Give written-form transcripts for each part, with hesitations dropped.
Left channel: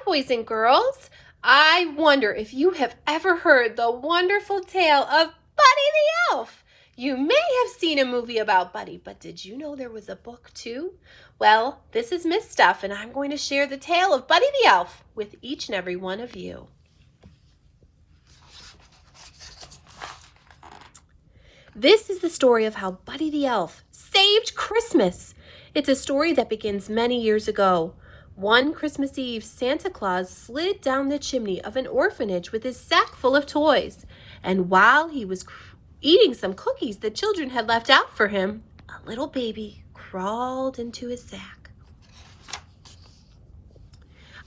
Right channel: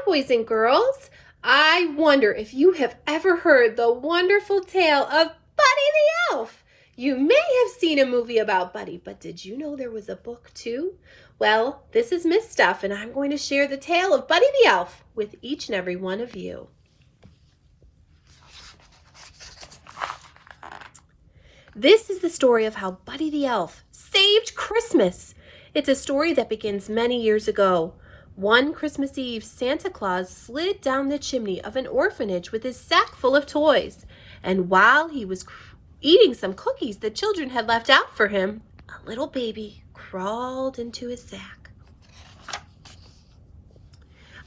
Hi, boys and girls. I wonder if you have ever heard the wonderful tale of Buddy the Elf. You may have seen a movie about Buddy, but did you know there was a book too? Well, this is Miss Stuff, and I'm going to share the tale of Buddy the Elf with each and every one of you. This is the story of how Buddy the Elf saved Christmas. It's a story that begins many years ago. One Christmas Eve, Santa Claus slid down the chimney of an orphanage with his sack full of toys. And while he was eating some cookies the children had left out for him, a little baby crawled into his sack.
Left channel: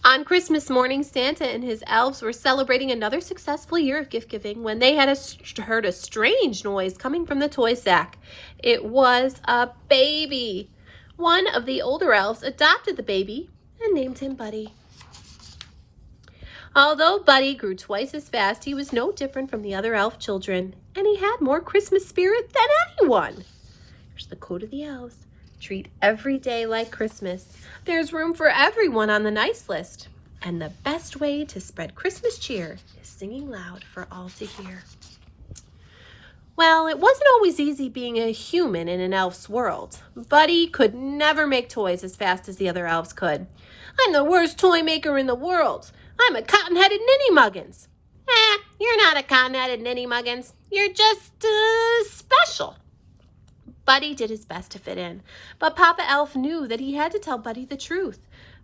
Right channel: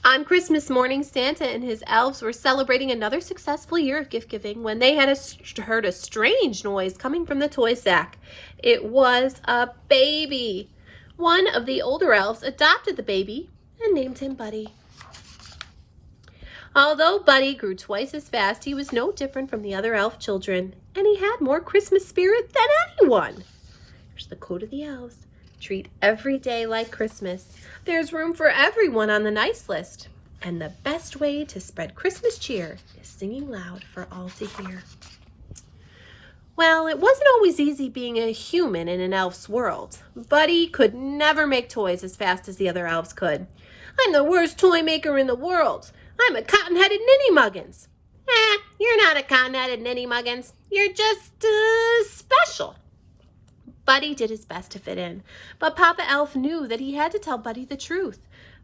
On Christmas morning, Santa and his elves were celebrating another successful year of gift-giving when they had heard a strange noise coming from the toy sack. It was a baby. One of the older elves adopted the baby and named him Buddy. Although Buddy grew twice as fast, he was no different from the other elf children, and he had more Christmas spirit than anyone. Here's the code of the elves. Treat every day like Christmas. There's room for everyone on the nice list. And the best way to spread Christmas cheer is singing loud for all to hear. Well, it wasn't always easy being a human in an elf's world. Buddy could never make toys as fast as the other elves could. I'm the worst toy maker in the world. I'm a cotton-headed ninny-muggins. You're not a cotton-headed ninny-muggins. You're just special. Buddy did his best to fit in, but Papa Elf knew that he had to tell Buddy the truth.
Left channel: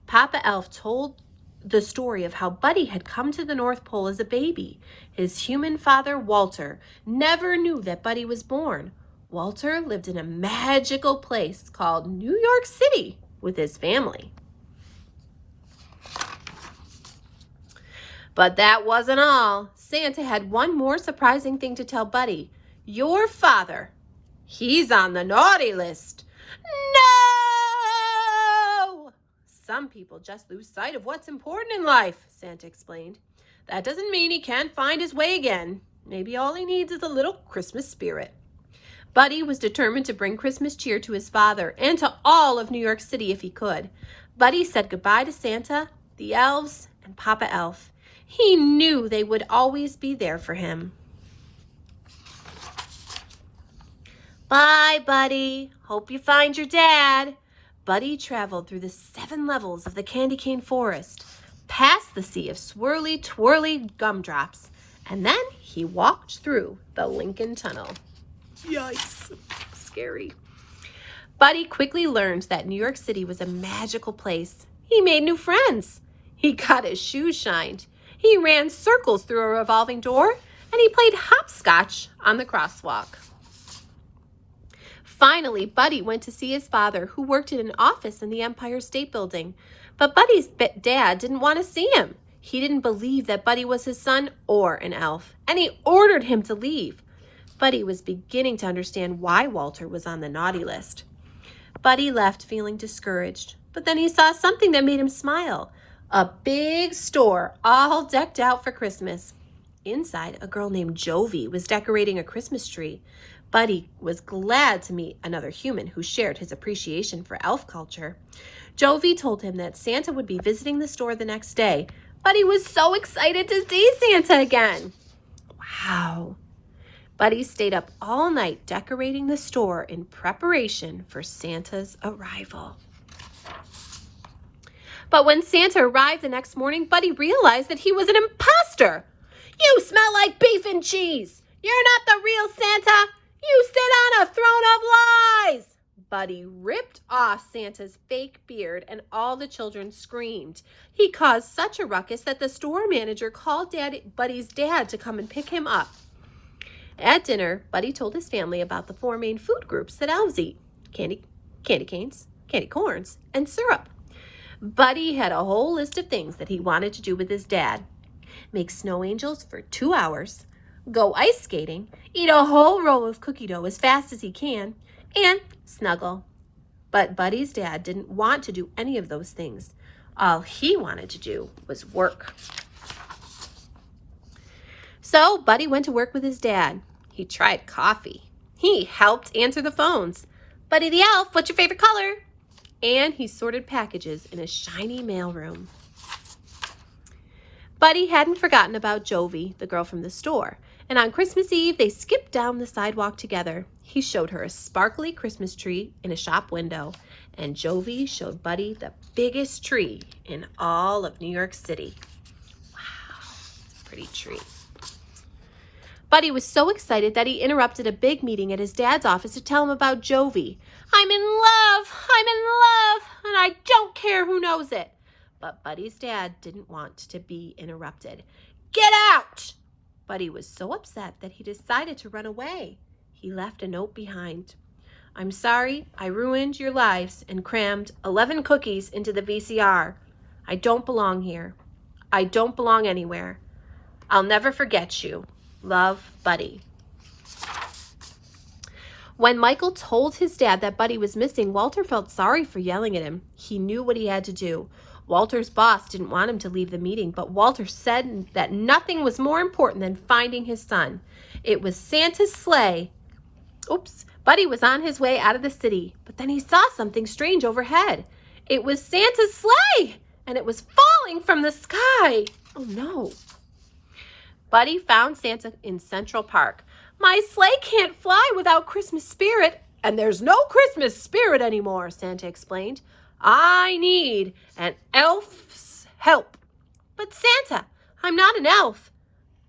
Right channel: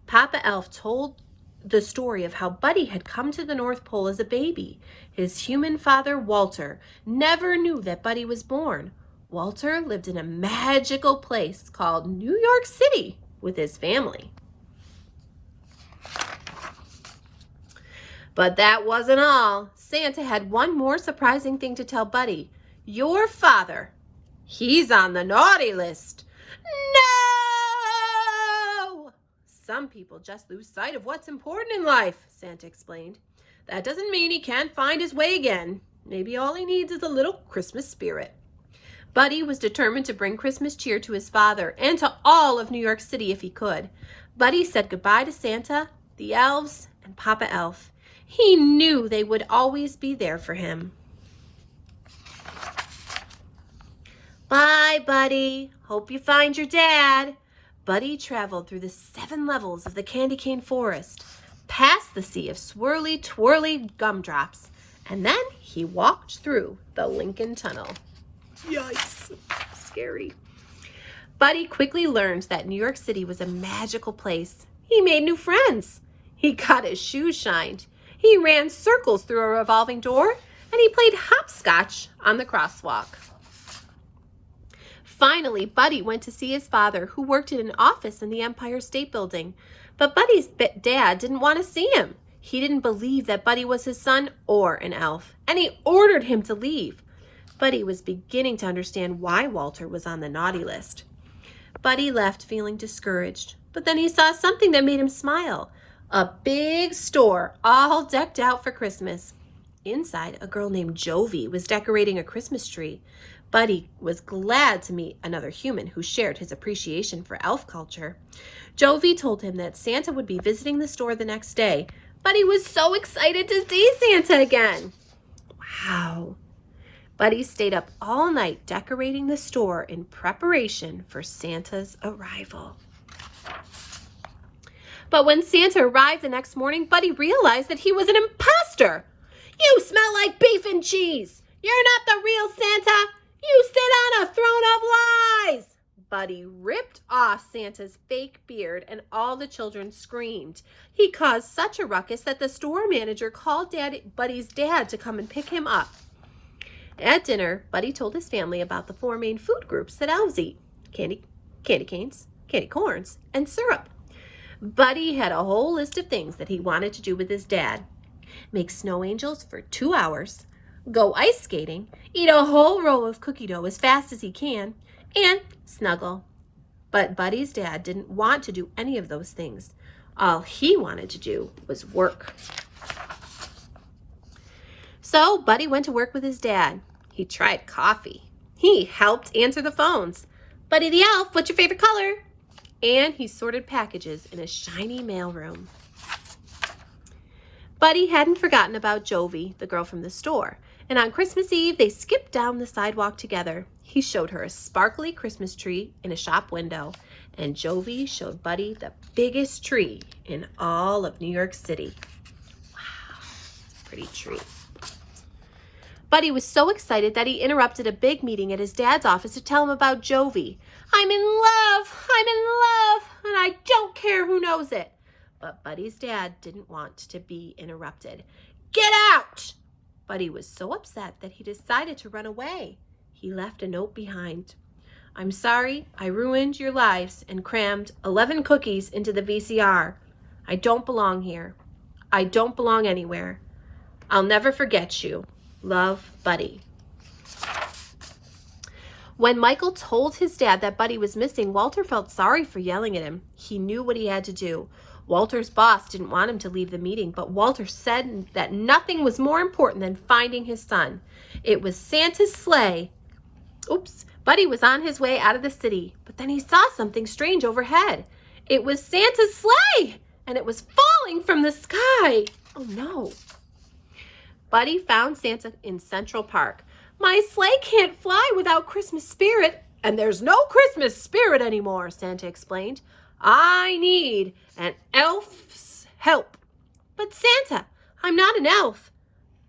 Papa Elf told the story of how Buddy had come to the North Pole as a baby. His human father, Walter, never knew that Buddy was born. Walter lived in a magical place called New York City with his family. But that wasn't all. Santa had one more surprising thing to tell Buddy. Your father, he's on the naughty list. No! Some people just lose sight of what's important in life, Santa explained. That doesn't mean he can't find his way again. Maybe all he needs is a little Christmas spirit. Buddy was determined to bring Christmas cheer to his father and to all of New York City if he could. Buddy said goodbye to Santa, the elves, and Papa Elf. He knew they would always be there for him. Bye, Buddy. Hope you find your dad. Buddy traveled through the 7 levels of the candy cane forest, past the sea of swirly, twirly gumdrops, and then he walked through the Lincoln Tunnel. Yikes, scary. Buddy quickly learned that New York City was a magical place. He made new friends. He got his shoes shined. He ran circles through a revolving door, and he played hopscotch on the crosswalk. Finally, Buddy went to see his father, who worked in an office in the Empire State Building. But Buddy's dad didn't want to see him. He didn't believe that Buddy was his son or an elf, and he ordered him to leave. Buddy was beginning to understand why Walter was on the naughty list. Buddy left feeling discouraged, but then he saw something that made him smile. A big store all decked out for Christmas. Inside, a girl named Jovi was decorating a Christmas tree. Buddy was glad to meet another human who shared his appreciation for elf culture. Jovi told him that Santa would be visiting the store the next day. Buddy was so excited to see Santa again. Wow. Buddy stayed up all night decorating the store in preparation for Santa's arrival. But when Santa arrived the next morning, Buddy realized that he was an imposter. You smell like beef and cheese. You're not the real Santa. You sit on a throne of lies. Buddy ripped off Santa's fake beard, and all the children screamed. He caused such a ruckus that the store manager called Buddy's dad to come and pick him up. At dinner, Buddy told his family about the 4 main food groups that elves eat: candy canes, candy corns, and syrup. Buddy had a whole list of things that he wanted to do with his dad. Make snow angels for 2 hours, go ice skating, eat a whole roll of cookie dough as fast as he can, and snuggle. But Buddy's dad didn't want to do any of those things. All he wanted to do was work. So Buddy went to work with his dad. He tried coffee. He helped answer the phones. Buddy the Elf, what's your favorite color? And he sorted packages in a shiny mailroom. Buddy hadn't forgotten about Jovi, the girl from the store, and on Christmas Eve they skipped down the sidewalk together. He showed her a sparkly Christmas tree in a shop window, and Jovi showed Buddy the biggest tree in all of New York City. Wow, it's a pretty tree. Buddy was so excited that he interrupted a big meeting at his dad's office to tell him about Jovi. I'm in love, and I don't care who knows it. But Buddy's dad didn't want to be interrupted. Get out! Buddy was so upset that he decided to run away. He left a note behind. I'm sorry I ruined your lives and crammed 11 cookies into the VCR. I don't belong here. I don't belong anywhere. I'll never forget you. Love, Buddy. When Michael told his dad that Buddy was missing, Walter felt sorry for yelling at him. He knew what he had to do. Walter's boss didn't want him to leave the meeting, but Walter said that nothing was more important than finding his son. It was Santa's sleigh. Buddy was on his way out of the city, but then he saw something strange overhead. It was Santa's sleigh, and it was falling from the sky. Oh no. Buddy found Santa in Central Park. My sleigh can't fly without Christmas spirit, and there's no Christmas spirit anymore, Santa explained. I need an elf's help. But Santa, I'm not an elf.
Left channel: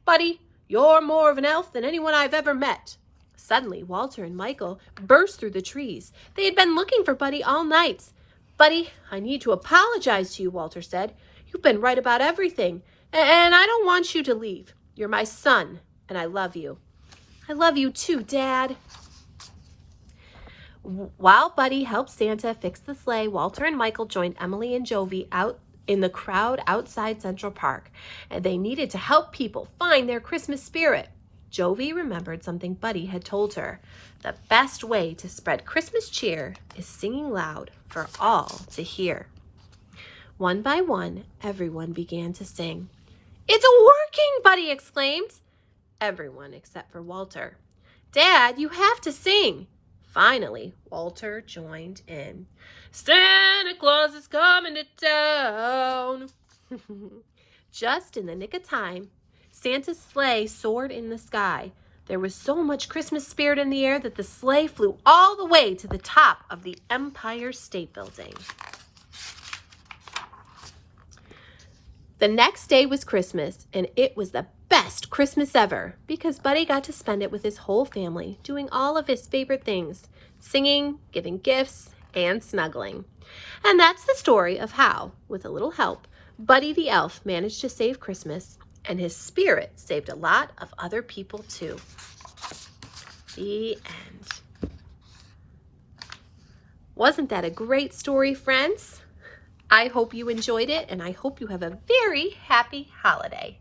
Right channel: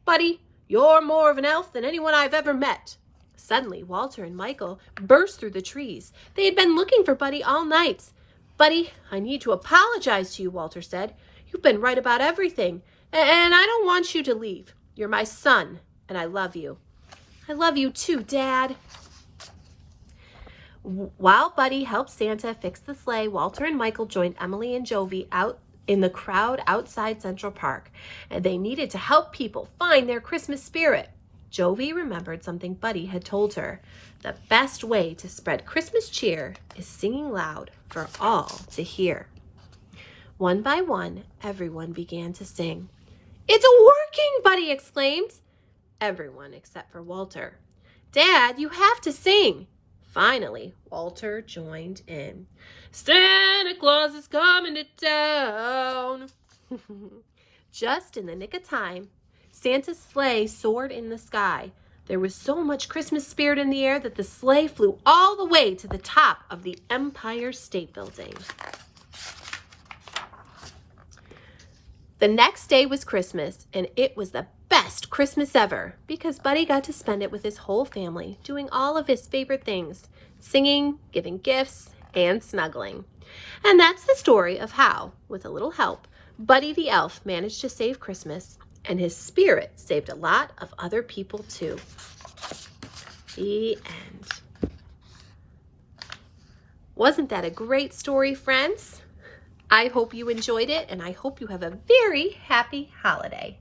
Buddy, you're more of an elf than anyone I've ever met. Suddenly, Walter and Michael burst through the trees. They had been looking for Buddy all night. Buddy, I need to apologize to you, Walter said. You've been right about everything, and I don't want you to leave. You're my son, and I love you. I love you too, Dad. While Buddy helped Santa fix the sleigh, Walter and Michael joined Emily and Jovi out in the crowd outside Central Park, and they needed to help people find their Christmas spirit. Jovi remembered something Buddy had told her. The best way to spread Christmas cheer is singing loud for all to hear. One by one, everyone began to sing. It's working, Buddy exclaimed. Everyone except for Walter. Dad, you have to sing. Finally, Walter joined in. Santa Claus is coming to town. Just in the nick of time, Santa's sleigh soared in the sky. There was so much Christmas spirit in the air that the sleigh flew all the way to the top of the Empire State Building. The next day was Christmas, and it was the best Christmas ever because Buddy got to spend it with his whole family, doing all of his favorite things, singing, giving gifts, and snuggling. And that's the story of how, with a little help, Buddy the Elf managed to save Christmas, and his spirit saved a lot of other people too. The end. Wasn't that a great story, friends? I hope you enjoyed it, and I hope you have a very happy holiday.